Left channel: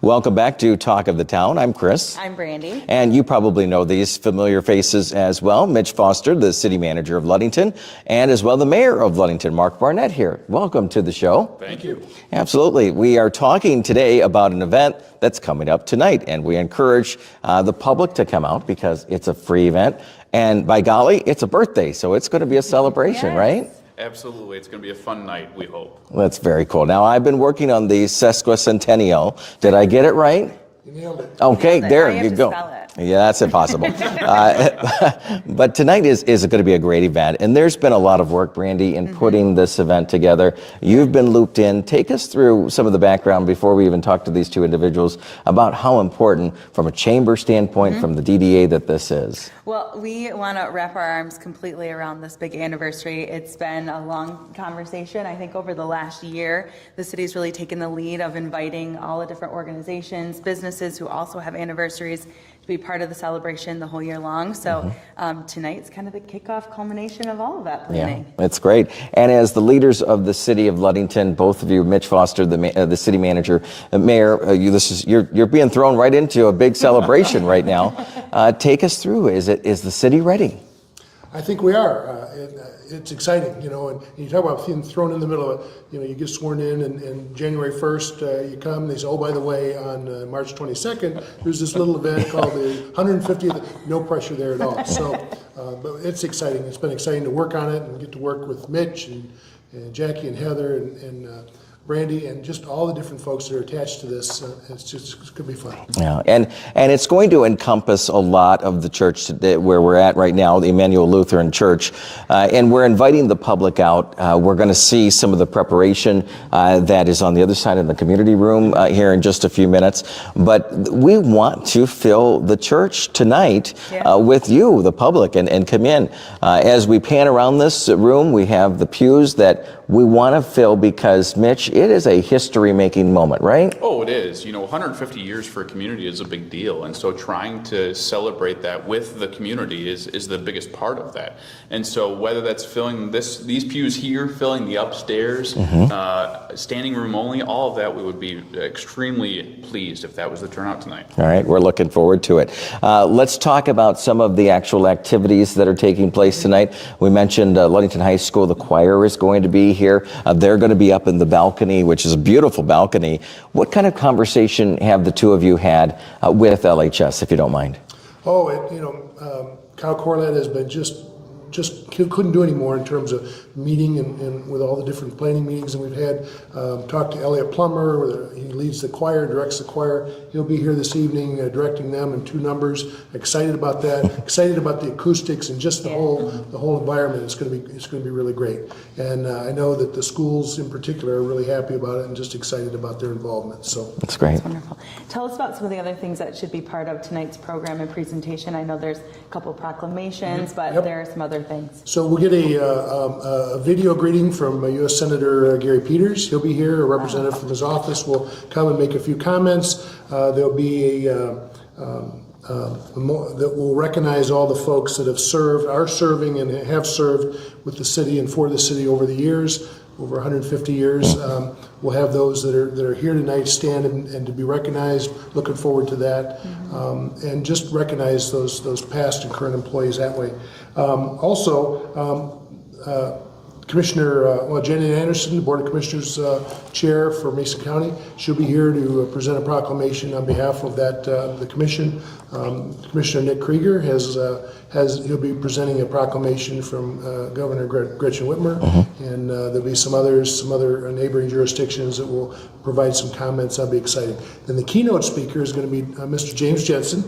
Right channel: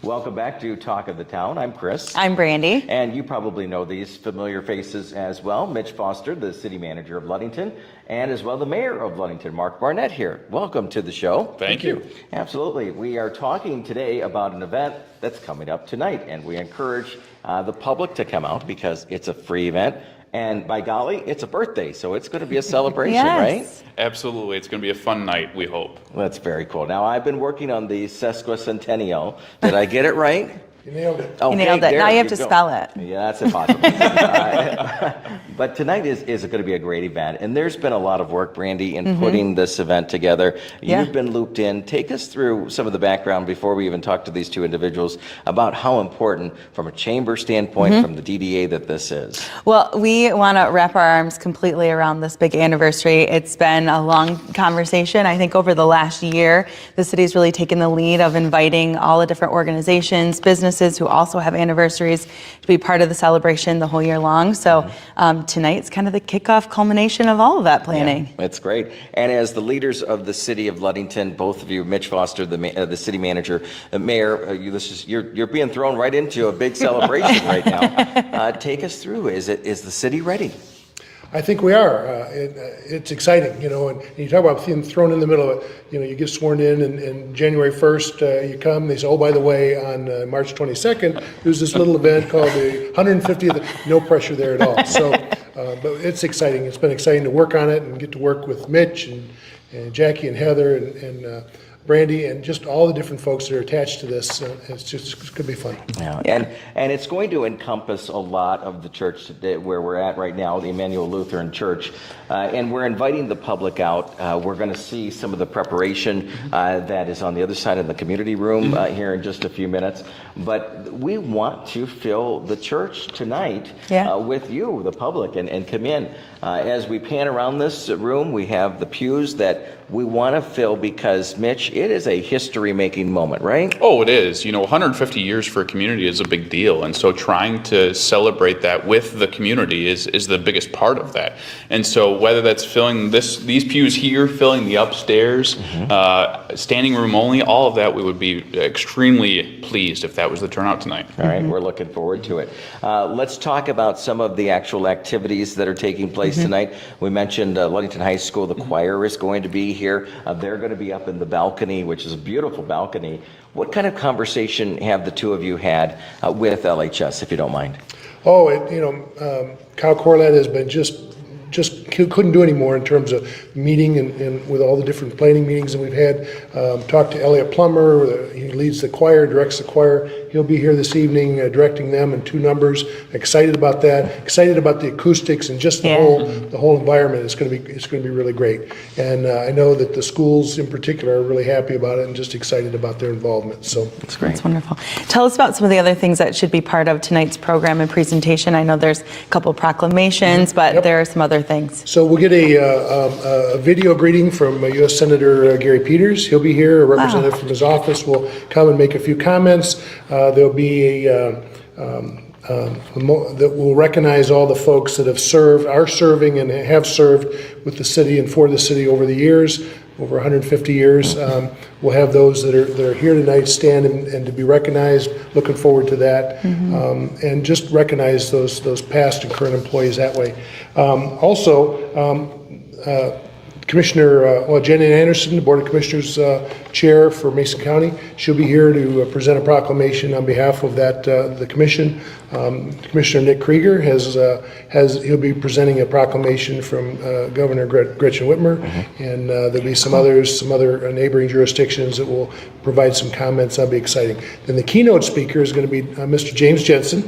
Welcome back to Talk of the Town. I'm Chris. I'm Brandy. And you probably know these familiar faces as well. Mitch Foster, the City Manager of Ludington, and as well the Mayor of Ludington, Mark Barnett here. Welcome to the show. Thank you. Absolutely. We are talking today about an event that's coming up tonight, and we encourage the public to come out because it's a free event. And by golly, it's a birthday, so it's going to be a celebration, Yes. right? Absolutely. It's going to be a fun night, we hope. That's very cool. Now, I've been working on the sesquicentennial. Did I get it right? You nailed it. Okay, nailed it. there Now you have you to go. spell it. Yeah, that's impossible. But tonight is going to be a great event, and there's been a lot of work, Brandy, in putting this event together. You've been looped in. Take us through some of the background before we even talk to these two individuals about how important, from a chamber standpoint, from the DDA, that this is. Well, we want to wrap our arms completely around this big anniversary. It's been a long conversation. I think over the last year, the city's really taken the lead of inviting all the different organizations, businesses who also have anniversaries to be part of the celebration the whole year long. So tonight's kind of the kickoff culmination of all of that planning. Yeah, it's great. And as the leaders of the City of Ludington, both of you, Mitch Foster, the City Manager, Mayor, you're being thrown right into a big celebration right now. Take us through. Is the city ready? I think we are. It's exciting, and you talk about being thrown in the middle of it. You get sworn in, and January 1st, you come, they say, oh, by the way, on March 22nd, there's this little event called the 150th, no pressure there at all. So, but it's exciting. It's been exciting to work on it and get to work with Mitch and Jackie and Heather and Brandy and just all the different folks that are attached to this. It's going to be fun. Yeah, and it's going to encompass a lot of the church today, where we're at right now, the Emanuel Lutheran Church, and we're inviting the public out. We're going to see some of the preparation that is on the other side of the community room here in just a few minutes. But we want to fill the church tonight with you, the public, and come in. As we pan around this room, we have the pews that we want to fill because, Mitch, it is a history-making moment, right? Oh, it is. 150 years for a community is a big deal. And so trying to celebrate that with the community is the biggest part of that. And so whether that's filling these pews here, filling the upstairs, standing room only, all of that, we would be extremely pleased if that was the turnout tonight. All right, we're looking forward to it. Let's talk about some of the actual activities that are taking place tonight. We mentioned Ludington High School, the choir is going to be here. They're going to be up in the balcony, which is a beautiful balcony. What kind of conversation have the two of you had with LHS, if you don't mind? Oh, Kyle Corlett has been just couldn't do any more in terms of meeting and with all the different planning meetings that we've had. Talked to Elliot Plummer, he leads the choir, directs the choir. He'll be here this evening directing them in 2 numbers. Excited about that. Excited about the acoustics and just the whole environment. It's going to be really great. And I know that the schools in particular are really happy about it and just excited about their involvement. So that's great. That's wonderful. Tell us about some of the other things that should be part of tonight's program and presentation. I know there's a couple proclamations, but there are some other things. So we'll get a video greeting from U.S. Senator Gary Peters. He'll be here. A representative from his office will come and make a few comments. There'll be that will recognize all the folks that have served, are serving, and have served with the city and for the city over the years, over 150 years. We'll have those that are here tonight stand and to be recognized. Looking forward to that, and just recognize those past and current employees that way. Commissioner Janet Anderson, the Board of Commissioners Chair for Mason County, she'll be here to present a proclamation on behalf of the commission. Commissioner Nick Krieger he'll be presenting a proclamation from Governor Gretchen Whitmer, and there'll be some other neighboring jurisdictions that will provide some comments. That'll be exciting. Then the keynote speaker is going to be Mr. James Jensen,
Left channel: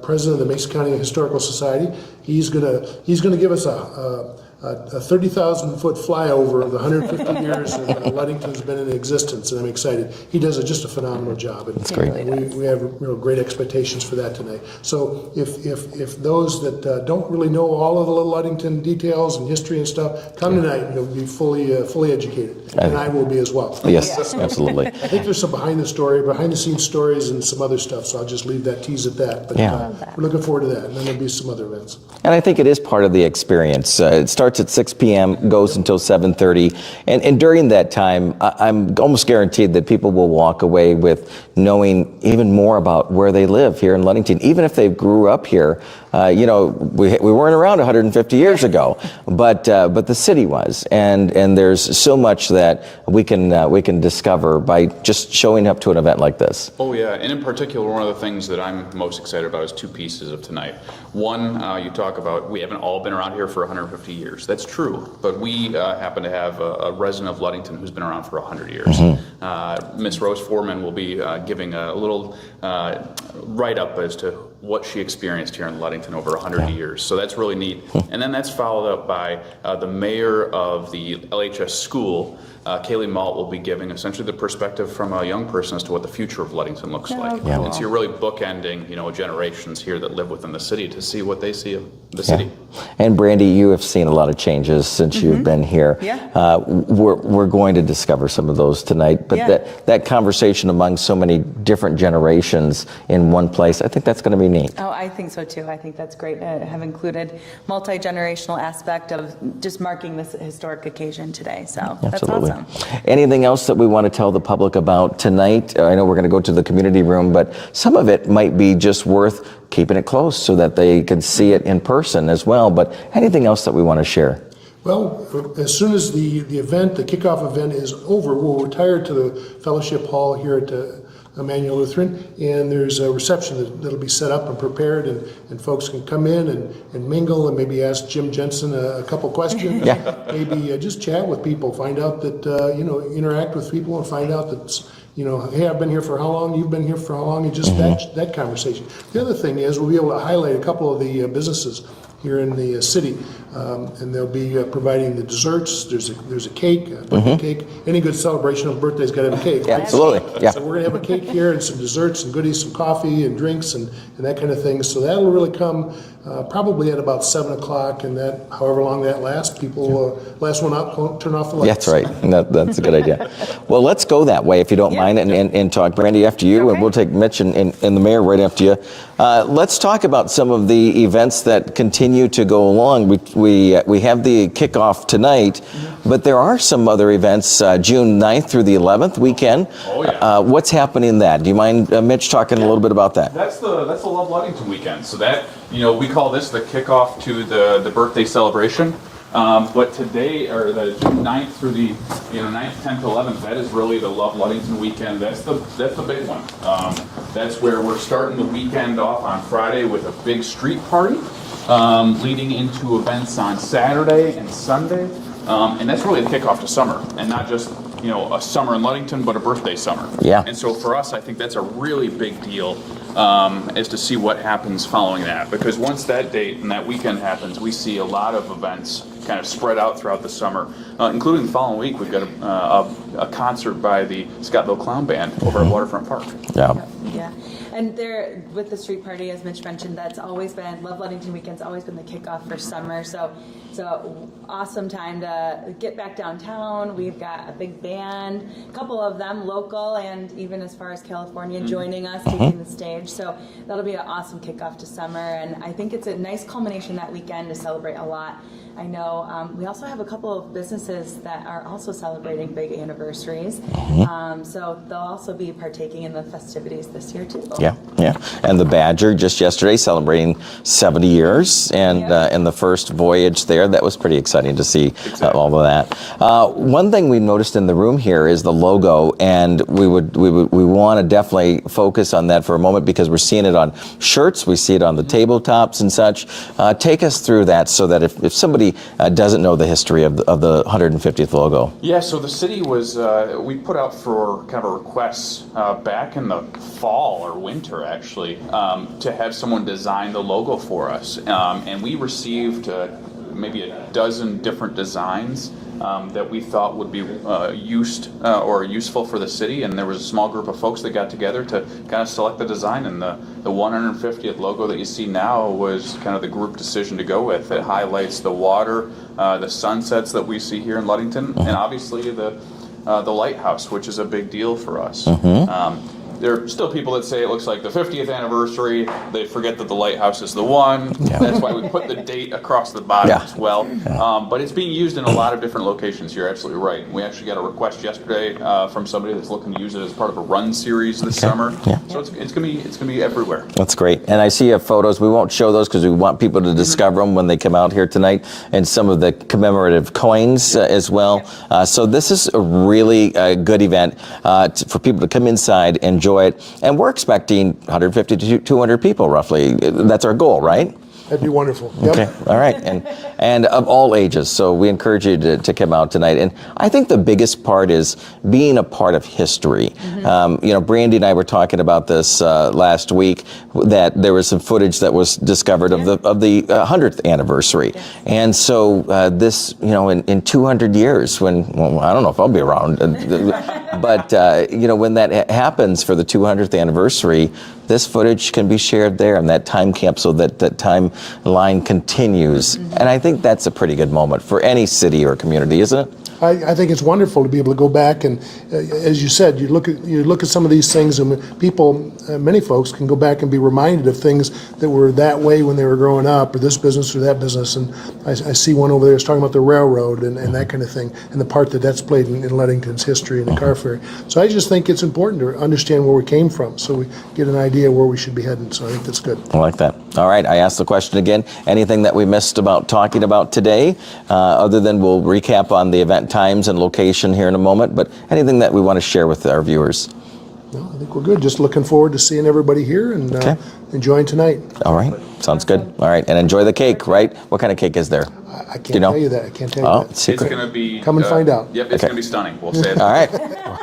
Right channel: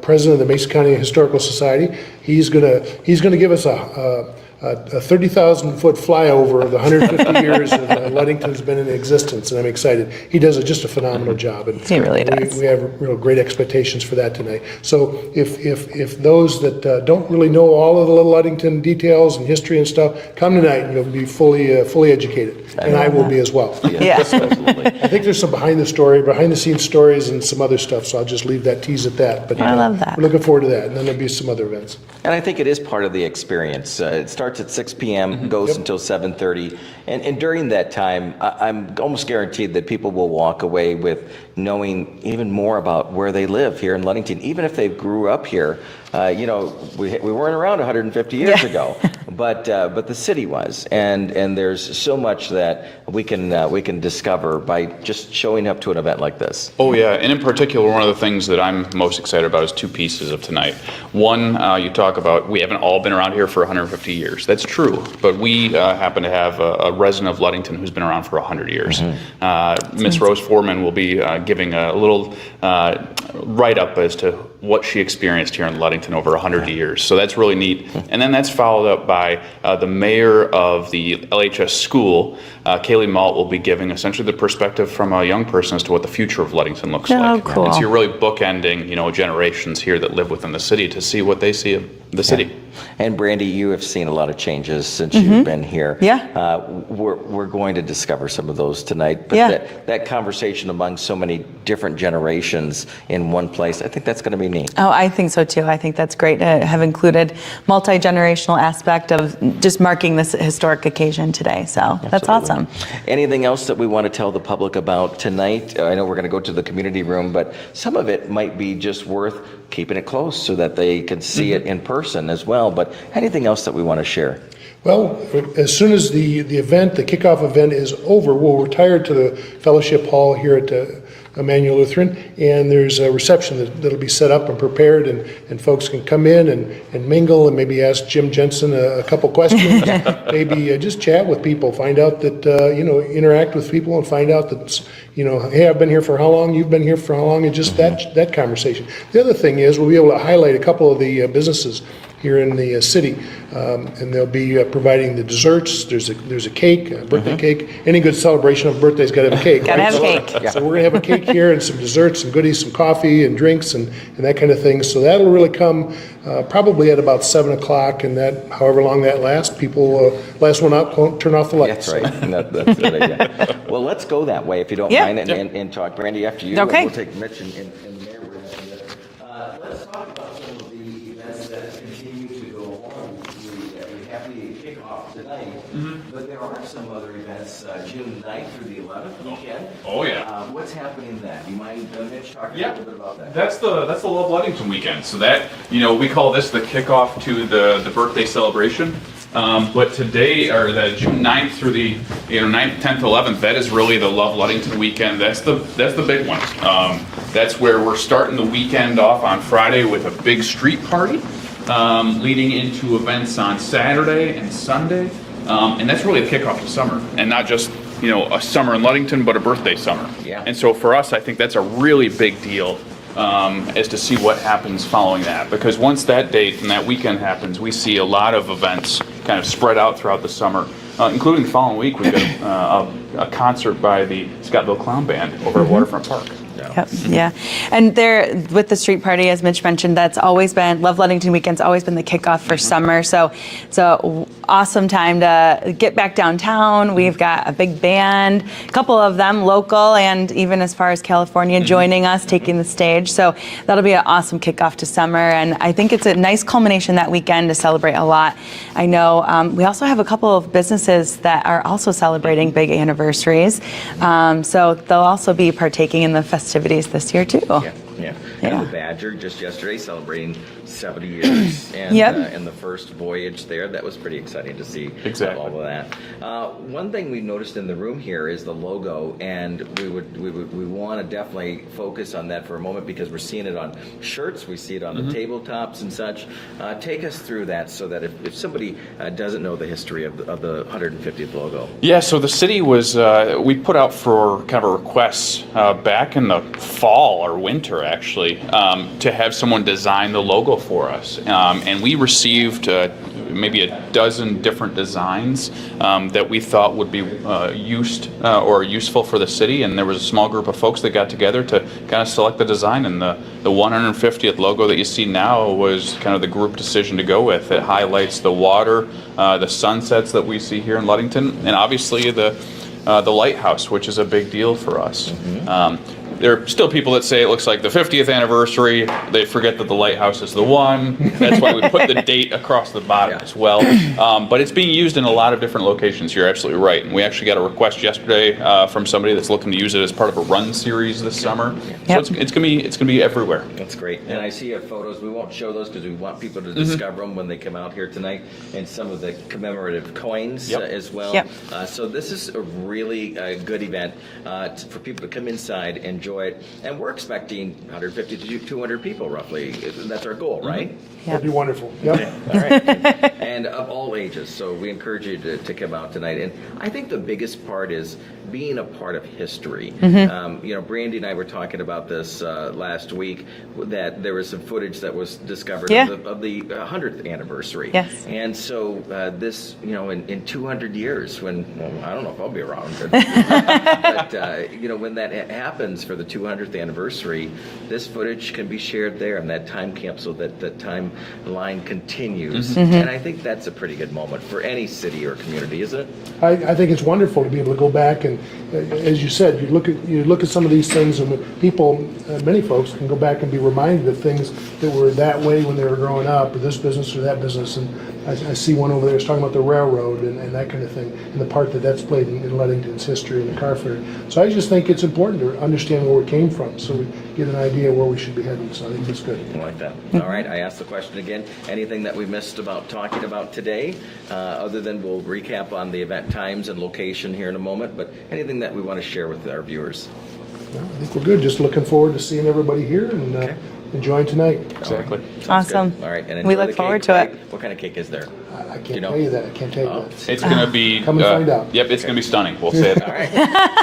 President of the Mason County Historical Society. He's going to give us a 30,000-foot flyover of the 150 years that Ludington's been in existence, and I'm excited. He does just a phenomenal job. And he really does. We have real great expectations for that tonight. So if those that don't really know all of the little Ludington details and history and stuff, come tonight and you'll be fully educated, and I will be as well. Yes, absolutely. I think there's some behind the scenes stories and some other stuff, so I'll just leave that tease at that. But I love that. We're looking forward to that, and then there'll be some other events. And I think it is part of the experience. It starts starts at 6 p.m., goes until 7:30. And during that time, I'm almost guaranteed that people will walk away with knowing even more about where they live here in Ludington, even if they grew up here. We weren't around 150 years ago, but the city was, and there's so much that we can discover by just showing up to an event like this. Oh yeah, and in particular, one of the things that I'm most excited about is two pieces of tonight. One, you talk about we haven't all been around here for 150 years. That's true, but we happen to have a resident of Ludington who's been around for 100 years. Miss Rose Foreman will be giving a little write-up as to what she experienced here in Ludington over 100 years. So that's really neat. And then that's followed up by the mayor of the LHS school, Kaylee Malt, will be giving essentially the perspective from a young person as to what the future of Ludington looks like. Cool. And so you're really bookending, generations here that live within the city to see what they see of the city. And Brandy, you have seen a lot of changes since you've been here. Yeah. We're going to discover some of those tonight. But that conversation among so many different generations in one place, I think that's going to be neat. Oh, I think so too. I think that's great to have included multi-generational aspect of just marking this historic occasion today. So that's awesome. Anything else that we want to tell the public about tonight? I know we're going to go to the community room, but some of it might be just worth keeping it close so that they can see it in person as well. But anything else that we want to share? Well, as soon as the event, the kickoff event is over, we'll retire to the fellowship hall here at Emanuel Lutheran, and there's a reception that'll be set up and prepared, and folks can come in and mingle and maybe ask Jim Jensen a couple questions, maybe just chat with people, find out that, interact with people and find out that, hey, I've been here for how long, you've been here for how long, and just that conversation. The other thing is we'll be able to highlight a couple of the businesses here in the city, and they'll be providing the desserts. There's a cake, a birthday cake. Any good celebration of a birthday's got to have a cake. Gotta have a cake. So we're going to have a cake here and some desserts, some goodies, some coffee and drinks and that kind of thing. So that will really come probably at about 7 o'clock, and that, however long that lasts, people last one out, turn off the lights. That's right. That's a good idea. Well, let's go that way if you don't mind, and talk. Brandy, after you, Okay. and we'll take Mitch and the mayor right after you. Let's talk about some of the events that continue to go along. We have the kickoff tonight, but there are some other events June 9th through the 11th weekend. Oh, yeah. What's happening in that? Do you mind, Mitch, talking a little bit about that? That's the Love Ludington weekend. So that, we call this the kickoff to the birthday celebration. But today, or the June 9th through the 9th, 10th, 11th, that is really the Love Ludington weekend. That's the big one. That's where we're starting the weekend off on Friday with a big street party, leading into events on Saturday and Sunday. And that's really the kickoff to summer, and not just a summer in Ludington, but a birthday summer. Yeah. And so for us, I think that's a really big deal. Is to see what happens following that, because once that date and that weekend happens, we see a lot of events kind of spread out throughout the summer, including the following week we've got a concert by the Scottville Clown Band over at Waterfront Park. Yeah. Yep, yeah. And there, with the street party, as Mitch mentioned, that's always been, Love Ludington Weekend's always been the kickoff for summer. So it's an awesome time to get back downtown. We've got a big band, a couple of them local and even as far as California joining us, taking the stage. So that'll be an awesome kickoff to summer. And I think it's a nice culmination that weekend to celebrate a lot. I know we also have a couple of businesses that are also celebrating big anniversaries. So they'll also be partaking in the festivities this year too. Yeah. And the Badger just yesterday celebrating 70 years, and and the first voyage there. That was pretty exciting to see all of that. One thing we noticed in the room here is the logo, and we want to definitely focus on that for a moment because we're seeing it on shirts, we see it on the tabletops and such. Take us through that so that if somebody doesn't know the history of the 150th logo. Yeah, so the city was, we put out for kind of a request back in the fall or winter actually, to have someone design the logo for us. And we received maybe a dozen different designs that we thought would be useful for the city, and there was a small group of folks that got together to kind of select the design, and the 150th logo that you see now was kind of the group decision to go with. It highlights the water, the sunsets that we see here in Ludington, and obviously the lighthouse, which is a big deal for us. there are still people that say it looks like the 50th anniversary. They forget that the lighthouse is the one. That's why we put the date across the bottom as well. But it's being used in a lot of different locations. You're absolutely right. And we actually got a request yesterday from somebody that's looking to use it as part of a run series this summer. So it's gonna be everywhere. That's great. And I see you have photos. We won't show those because we want people to discover them when they come out here tonight, and some of the commemorative coins as well. So this is a really good event for people to come inside, enjoy it. And we're expecting 150 to 200 people roughly. That's our goal, right? That'd be wonderful. Okay, all right. And of all ages, so we encourage you to come out tonight. And I think the biggest part is being a part of history. Brandy and I were talking about this last week, that there was some footage that was discovered of the 100th anniversary. And so this, in 200 years, when, well, I don't know if I'll be around, but, when that happens for the 200th anniversary, this footage can be shared there, and that time capsule, that timeline continues. And I think that's a pretty good moment for any city or community, isn't it? I think it's wonderful to be able to go back and, as you said, you look at some of these things, and people, many folks can go back and be reminded of things that were that way when they were growing up, or this business or that business. And I see one over there is talking about the railroad and that kind of thing, and the part that's played in Ludington's history and the car fair. So I just think it's important to understand where we came from, so we get an idea where we should be heading. So I think that's good. I like that. All right, I asked the question again. Anything that we missed about talking about today, other than we'll recap on the event times and location here in a moment, but anything that we want to share with our viewers? No, I think we're good. Just looking forward to seeing everybody here and enjoying tonight. All right, sounds good. All right, and enjoy the cake, right? What kind of cake is there? I can't tell you that. I can't tell you that. It's going to be... Come and find out. Yep, it's going to be stunning. We'll say it. All right.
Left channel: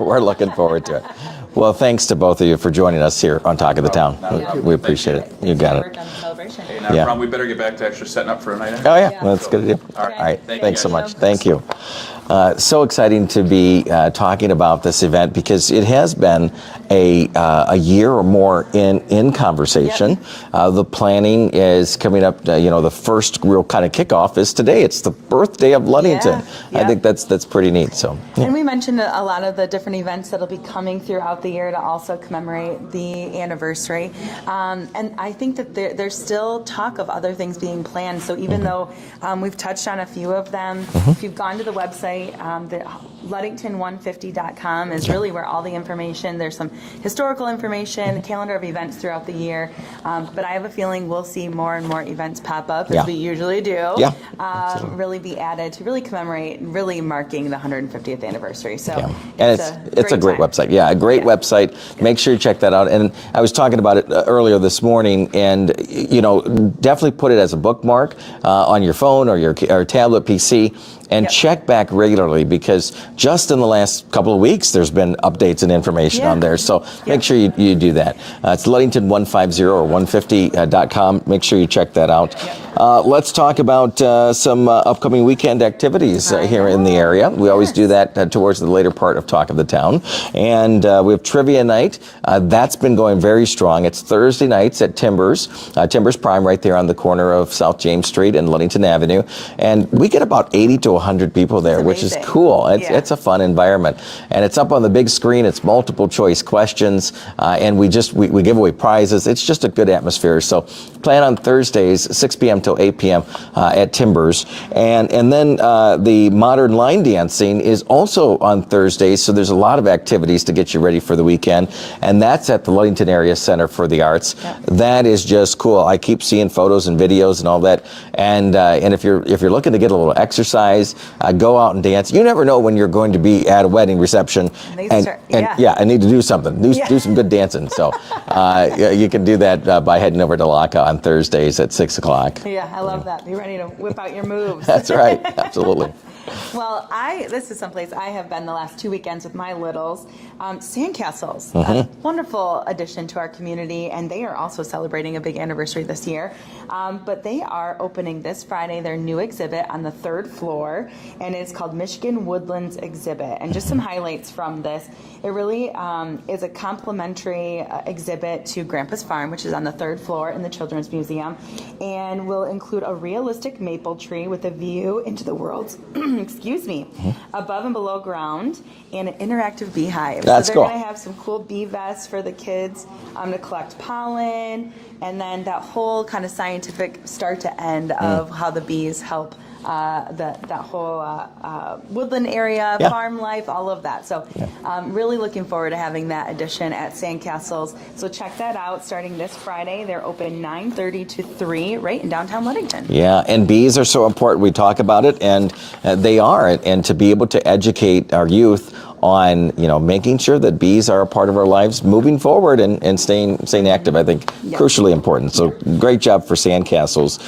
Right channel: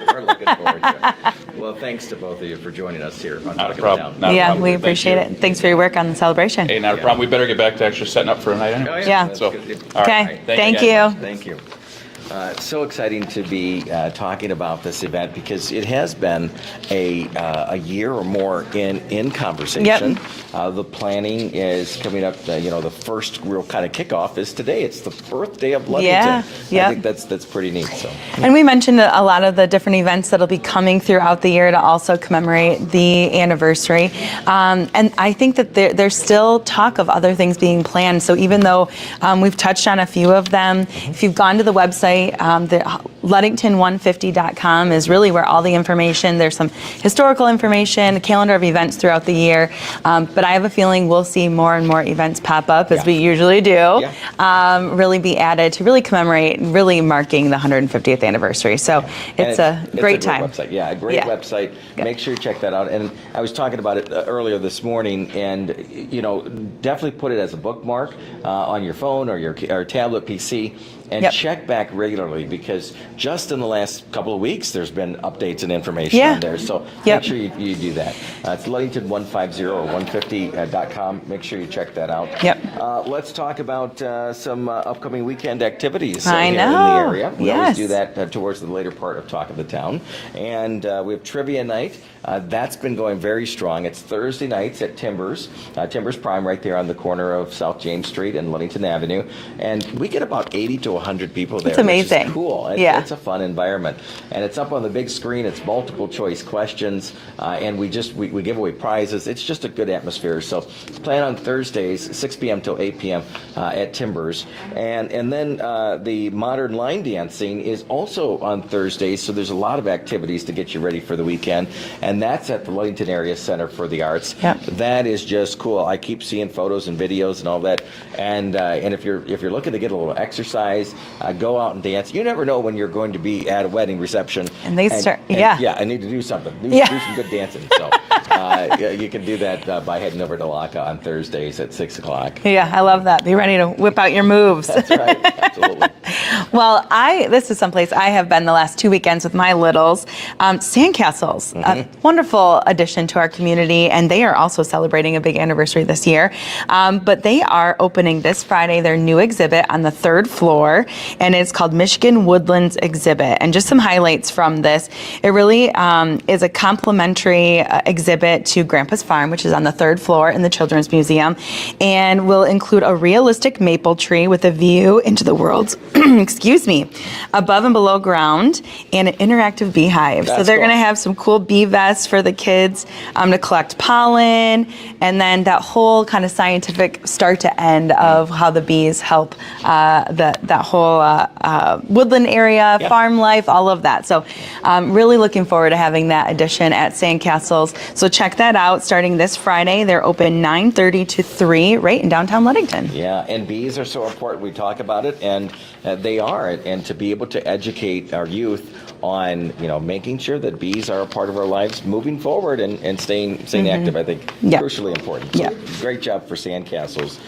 We're looking forward to it. Well, thanks to both of you for joining us here on Talk of the Town. We appreciate it. Thanks for your work on the celebration. Hey, not a problem. We better get back to actually setting up for a night. Oh, yeah. That's a good idea. Okay. Thank you. So much. Thank you. So exciting to be talking about this event, because it has been a year or more in conversation. The planning is coming up. The first real kind of kickoff is today. It's the birthday of Ludington. I think that's pretty neat. So. And we mentioned a lot of the different events that'll be coming throughout the year to also commemorate the anniversary. And I think that there's still talk of other things being planned. So even though we've touched on a few of them, if you've gone to the website, the Ludington150.com is really where all the information. There's some historical information, a calendar of events throughout the year. But I have a feeling we'll see more and more events pop up, as we usually do, really be added to really commemorate, really marking the 150th anniversely. So it's a great website. Yeah, a great website. Make sure you check that out. And I was talking about it earlier this morning, and definitely put it as a bookmark on your phone or your tablet PC. And check back regularly, because just in the last couple of weeks, there's been updates and information on there. So make sure you do that. It's Ludington150 or 150.com. Make sure you check that out. Let's talk about some upcoming weekend activities here in the area. We always do that towards the later part of Talk of the Town. And we have trivia night. That's been going very strong. It's Thursday nights at Timbers. Timbers Prime, right there on the corner of South James Street and Ludington Avenue. And we get about 80 to 100 people there, which is cool. It's a fun environment, and it's up on the big screen. It's multiple choice questions, and we give away prizes. It's just a good atmosphere. So plan on Thursdays, 6 p.m. till 8 p.m. At Timbers, and then the modern line dancing is also on Thursdays. So there's a lot of activities to get you ready for the weekend, and that's at the Ludington Area Center for the Arts. That is just cool. I keep seeing photos and videos and all that, and if you're looking to get a little exercise, go out and dance. You never know when you're going to be at a wedding reception. And I need to do something. Do some good dancing. So you can do that by heading over to LACA on Thursdays at 6 o'clock. Yeah, I love that. Be ready to whip out your moves. That's right. Absolutely. Well, this is someplace I have been the last 2 weekends with my littles. Sandcastles, a wonderful addition to our community, and they are also celebrating a big anniversary this year. But they are opening this Friday their new exhibit on the 3rd floor. floor, and it's called Michigan Woodlands Exhibit. And just some highlights from this. It really is a complimentary exhibit to Grandpa's Farm, which is on the 3rd floor in the Children's Museum, and will include a realistic maple tree with a view into the world's, excuse me, above and below ground, and an interactive beehive. That's so they're cool. going to have some cool bee vests for the kids to collect pollen, and then that whole kind of scientific start to end of how the bees help that whole woodland area, farm life, all of that. So really looking forward to having that edition at Sandcastles. So check that out starting this Friday. They're open 9:30 to 3 right in downtown Ludington. Yeah, and bees are so important. We talk about it, and they are. And to be able to educate our youth on, making sure that bees are a part of our lives moving forward and staying active, I think crucially important. So great job for Sandcastles.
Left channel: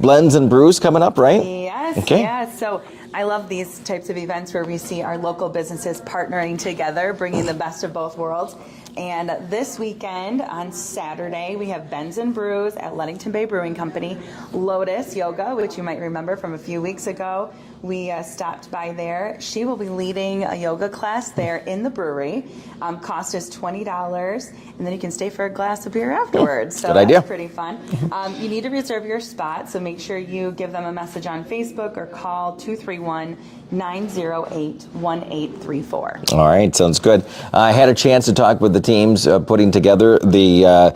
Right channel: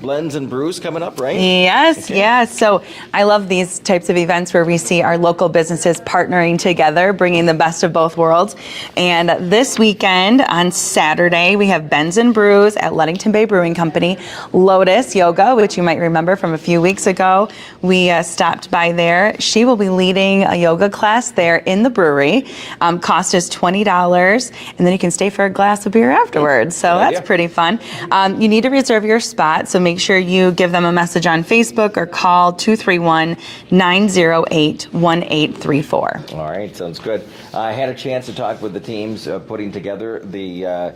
Blends and Brews coming up, right? Yes, Okay. yes. So I love these types of events where we see our local businesses partnering together, bringing the best of both worlds. And this weekend on Saturday, we have Blends and Brews at Ludington Bay Brewing Company. Lotus Yoga, which you might remember from a few weeks ago, we stopped by there. She will be leading a yoga class there in the brewery. Cost is $20, and then you can stay for a glass of beer afterwards. So Good that's idea. pretty fun. You need to reserve your spot, so make sure you give them a message on Facebook or call 231-908-1834. All right, sounds good. I had a chance to talk with the teams putting together the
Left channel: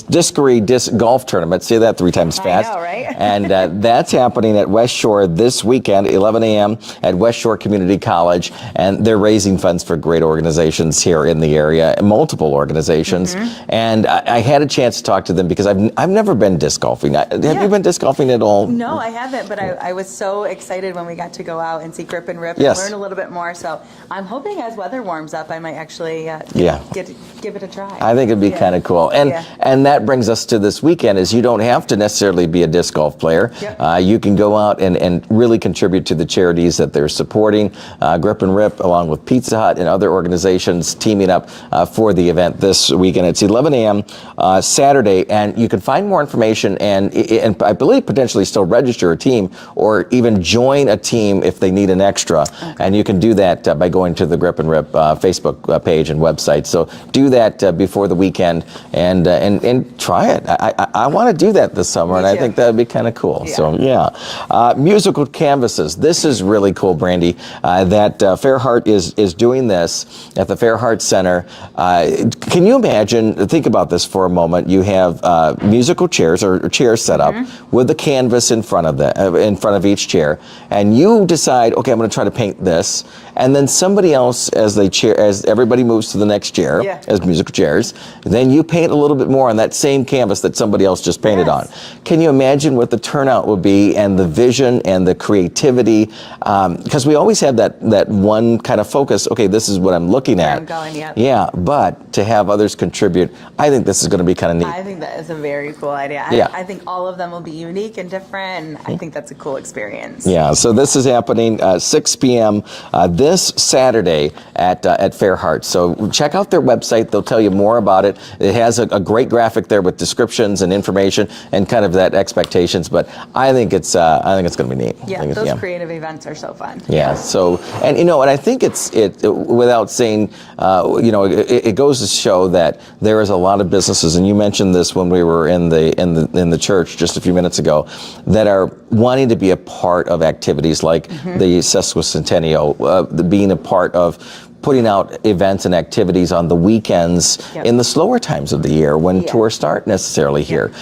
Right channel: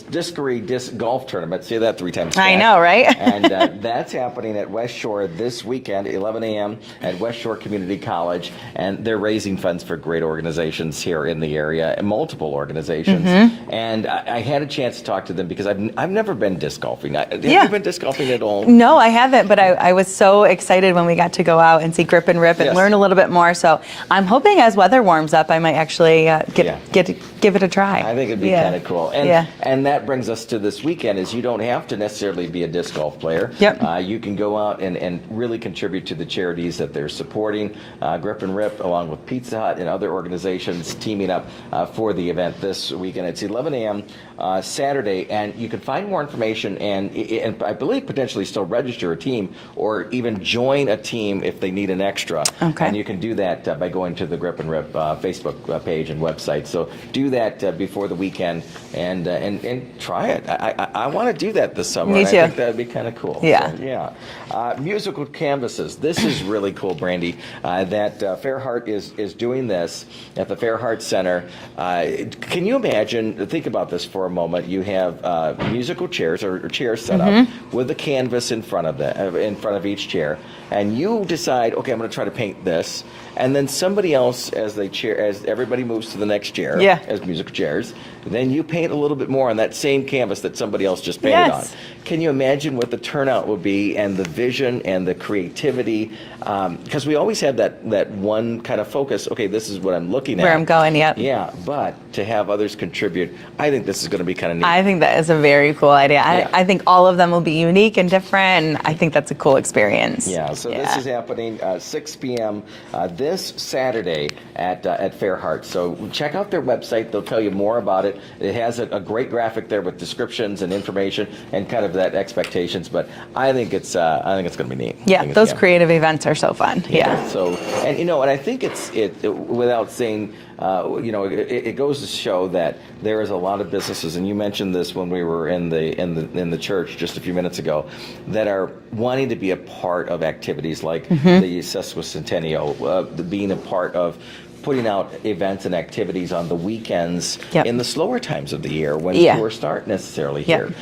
Discovery Disc Golf Tournament. Say that 3 times fast. I know, right? And that's happening at West Shore this weekend, 11 a.m. at West Shore Community College, and they're raising funds for great organizations here in the area, multiple organizations. And I had a chance to talk to them because I've never been disc golfing. Have you been disc golfing at all? No, I haven't, but I was so excited when we got to go out and see Grip and Rip and learn a little bit more. So I'm hoping as weather warms up, I might actually give it a try. I think it'd be kind of cool. And that brings us to this weekend is you don't have to necessarily be a disc golf player. You can go out and really contribute to the charities that they're supporting. Grip and Rip, along with Pizza Hut and other organizations teaming up for the event this weekend. It's 11 a.m. Saturday, and you can find more information and I believe potentially still register a team or even join a team if they need an extra. And you can do that by going to the Grip and Rip Facebook page and website. So do that before the weekend and try it. I want to do that this summer, and I think that would be kind of cool. So musical canvases. This is really cool, Brandy. That Fairheart is doing this at the Fairheart Center. Can you imagine? Think about this for a moment. You have musical chairs or chairs set up with a canvas in front of each chair, and you decide, okay, I'm going to try to paint this, and then somebody else, as everybody moves to the next chair, as musical chairs, then you paint a little bit more on that same canvas that somebody else just painted on. Can you imagine what the turnout would be and the vision and the creativity? Because we always have that one kind of focus. Okay, this is what I'm looking at. Where I'm going, Yeah, but to have others contribute, I think this is going to be kind of neat. I think that is a very cool idea. I think all of them will be unique and different, and I think that's a cool experience. Yeah, so this is happening 6 p.m. This Saturday at Fairheart. So check out their website. They'll tell you more about it. It has a great graphic there with descriptions and information and kind of that expectations. But I think it's going to be neat. Yeah, those creative events are so fun. Yeah. So and I think it without saying it goes to show that there is a lot of businesses, and you mentioned this when we were in the church just a few minutes ago, that are wanting to be a part of activities like the sesquicentennial, being a part of putting out events and activities on the weekends in the slower times of the year when tourists aren't necessarily here.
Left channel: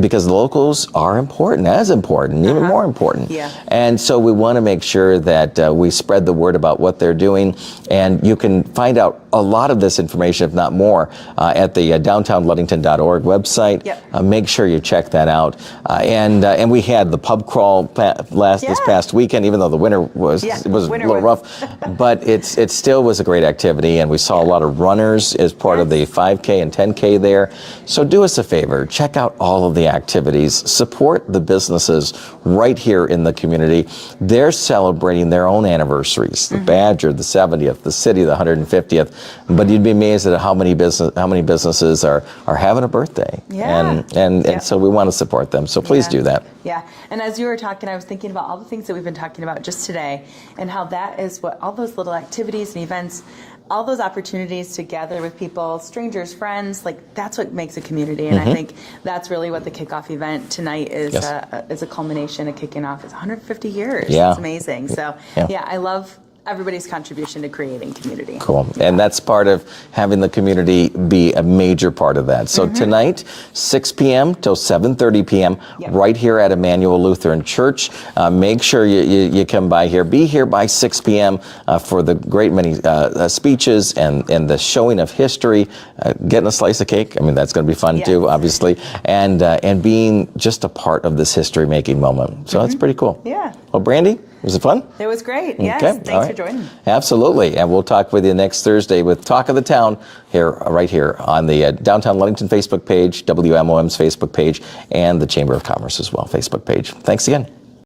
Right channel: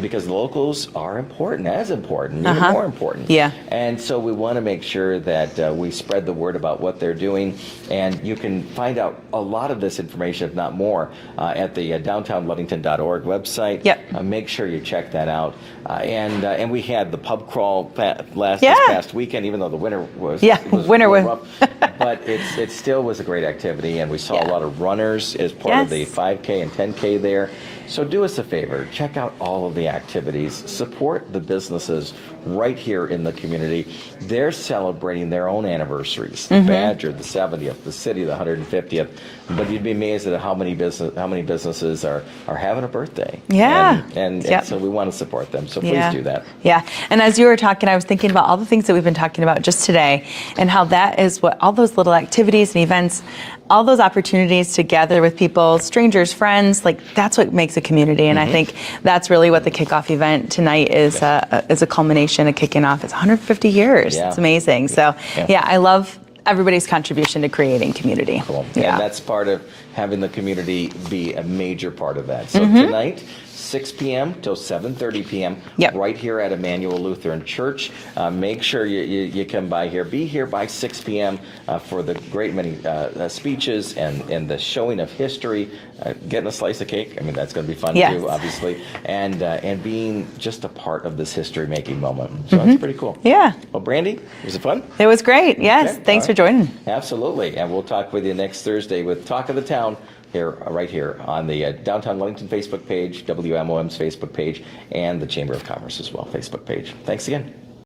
Because locals are important, even more important. And so we want to make sure that we spread the word about what they're doing. And you can find out a lot of this information, if not more, at the downtownludington.org website. Make sure you check that out. And we had the pub crawl this past weekend, even though the winter was a little rough. But it's still was a great activity, and we saw a lot of runners as part of the 5K and 10K there. So do us a favor, check out all of the activities, support the businesses right here in the community. They're celebrating their own anniversaries, the Badger, the 70th, the City, the 150th, but you'd be amazed at how many businesses are having a birthday. Yeah. And so we want to support them, so please do that. Yeah, and as you were talking, I was thinking about all the things that we've been talking about just today, and how that is what all those little activities and events, all those opportunities to gather with people, strangers, friends, like that's what makes a community. And I think that's really what the kickoff event tonight is, is a culmination of kicking off. It's 150 years. Yeah. It's amazing. So I love everybody's contribution to creating community. Cool. And that's part of having the community be a major part of that. So tonight, 6 p.m. till 7:30 p.m. right here at Emanuel Lutheran Church. Make sure you come by here. Be here by 6 p.m. For the great many speeches and the showing of history. Getting a slice of cake. I mean, that's going to be fun too, obviously. And being just a part of this history-making moment. So that's pretty cool. Yeah. Well, Brandy, was it fun? It was great. Yes. Okay. Thanks for joining. Absolutely. And we'll talk with you next Thursday with Talk of the Town right here on the Downtown Ludington Facebook page, WMOM's Facebook page, and the Chamber of Commerce as well Facebook page. Thanks again.